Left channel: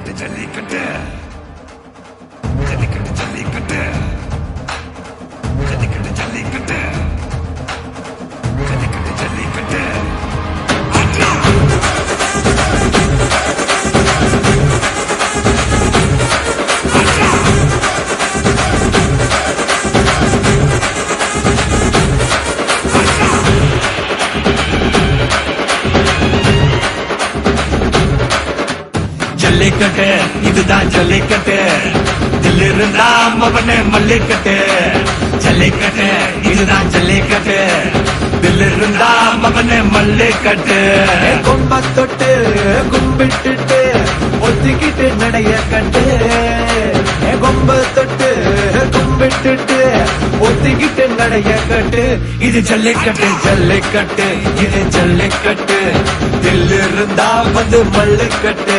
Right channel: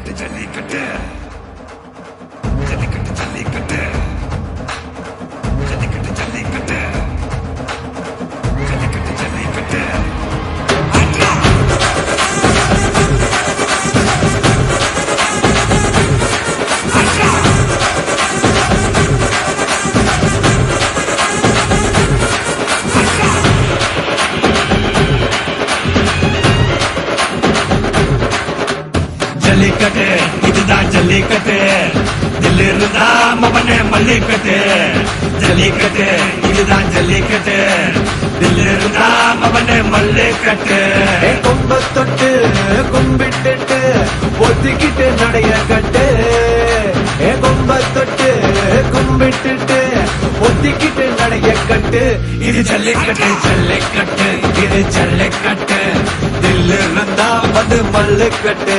ஜல்லிக்கட்டு ஜல்லிக்கட்டு ஜல்லிக்கட்டு ஜல்லிக்கட்டு ஜல்லிக்கட்டு ஜல்லிக்கட்டு ஜல்லிக்கட்டு ஜல்லிக்கட்டு ஆட்ரா ஆட்ரா ஆட்ரா ஜல்லிக்கட்டு இதுதான் ஜல்லிக்கட்டு தில் இருந்தா மவனே மல்லிக்கட்டு ஜல்லிக்கட்டு இதுதான் ஜல்லிக்கட்டு தில் இருந்தா மவனே மல்லிக்கட்டு கும்ப தொட்டு கும்பிட்டுட்டு ஒத்திக்கிட்டு நடைய கட்டு கும்ப தொட்டு கும்பிட்டுட்டு ஒத்திக்கிட்டு நடைய கட்டு இது ஜல்லிக்கட்டு ஜல்லிக்கட்டு இது ஜல்லிக்கட்டு தில் இருந்தா வந்து மல்லுக்கட்டு